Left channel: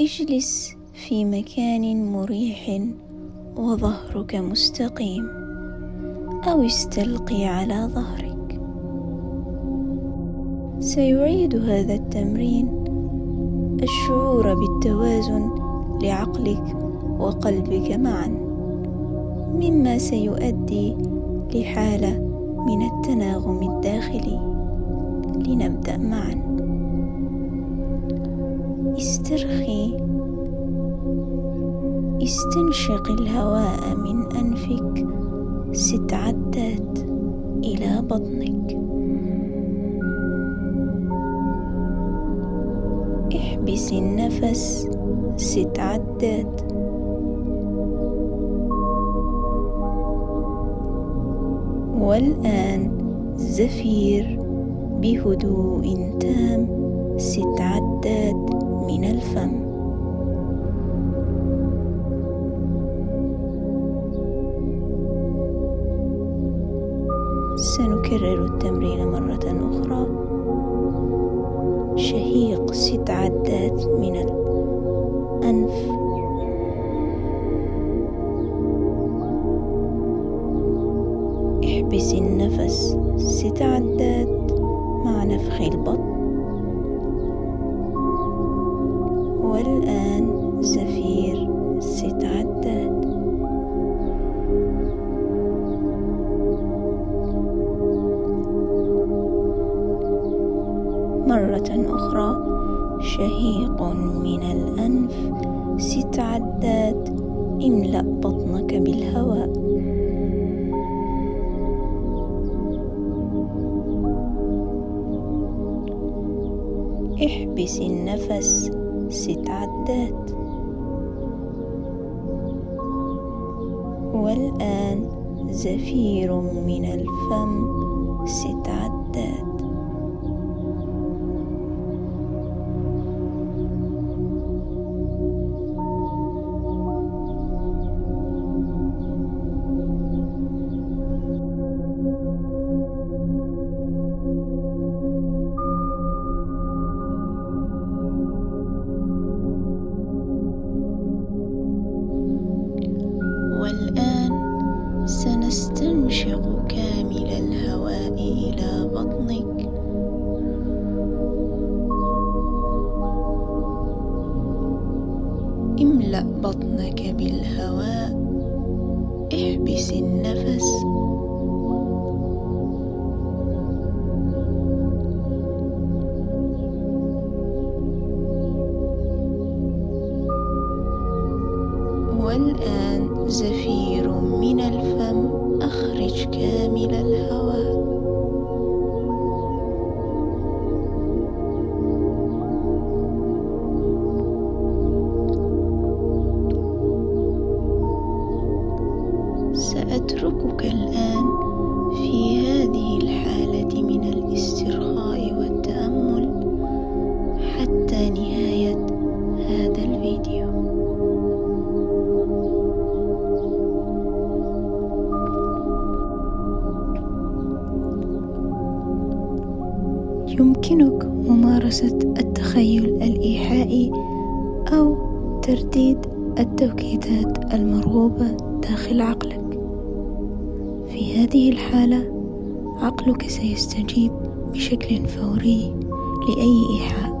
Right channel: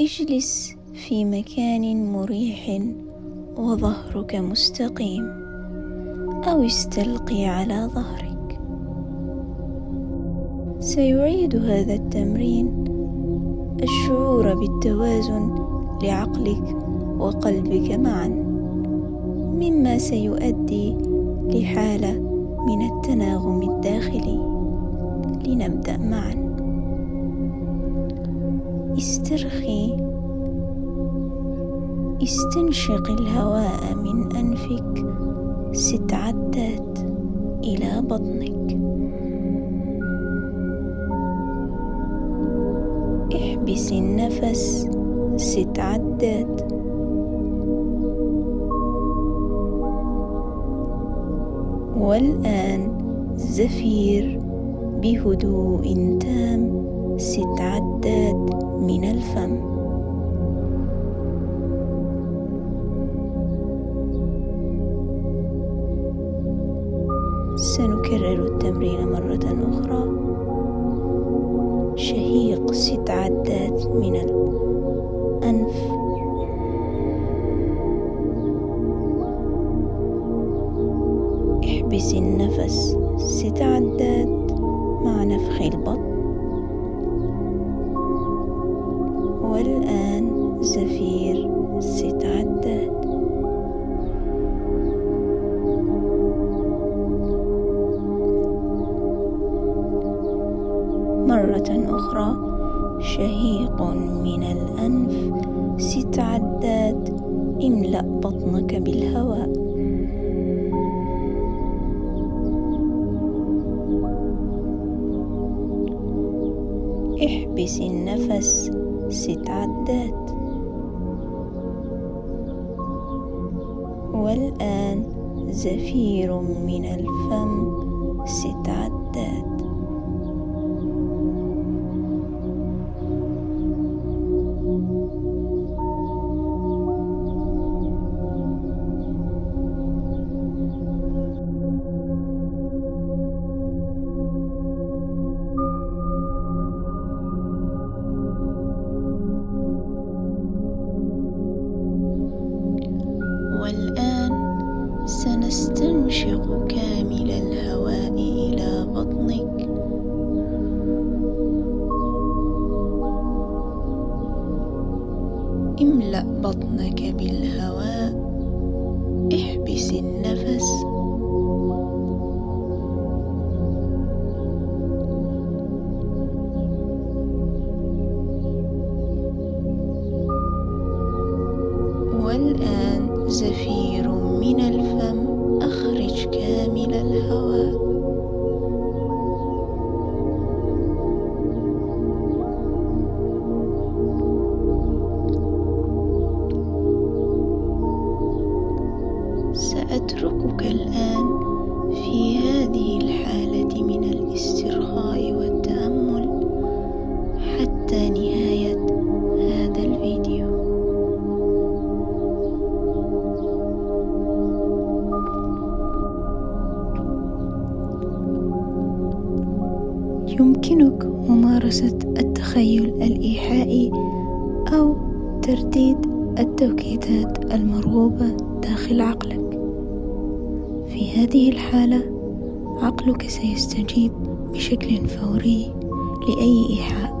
اجلس في مكان مريح وظهرك مستقيم، أو استلقي على ظهرك. سيعيد هذا التمرين الشعور بالتوازن لعقلك وقلبك معا، مما سيؤدي لحالة من التناغم الداخلي. لنبدأ معا. استرخي، استنشق الهواء من أنفك 6 عدات إلى بطنك. احبس النفس 6 عدات. والآن زفير بهدوء تام 6 عدات من الفم. سنكرر التمرين مرة أخرى. شهيق 6 عدات من الأنف، احبس النفس 6 عدات مع نفخ البطن. والآن زفير 6 عدات. مرة أخرى. شهيق من الأنف 6 عدات، املأ بطنك بالهواء. احبس النفس 6 عدات. والآن زفير من الفم 6 عدات. والآن سنستنشق كامل الهواء إلى بطنك. املأ بطنك بالهواء. احبس النفس. والآن زفير من الفم، أخرج كامل الهواء. سأتركك الآن في هذه الحالة من الاسترخاء والتأمل حتى نهاية هذا الفيديو. يمكنك ممارسة التخيل الإيحائي أو ترديد التوقيتات المرغوبة داخل عقلك. في هذه الحالة عقلك سيستجيب بشكل فوري لأي إيحاء.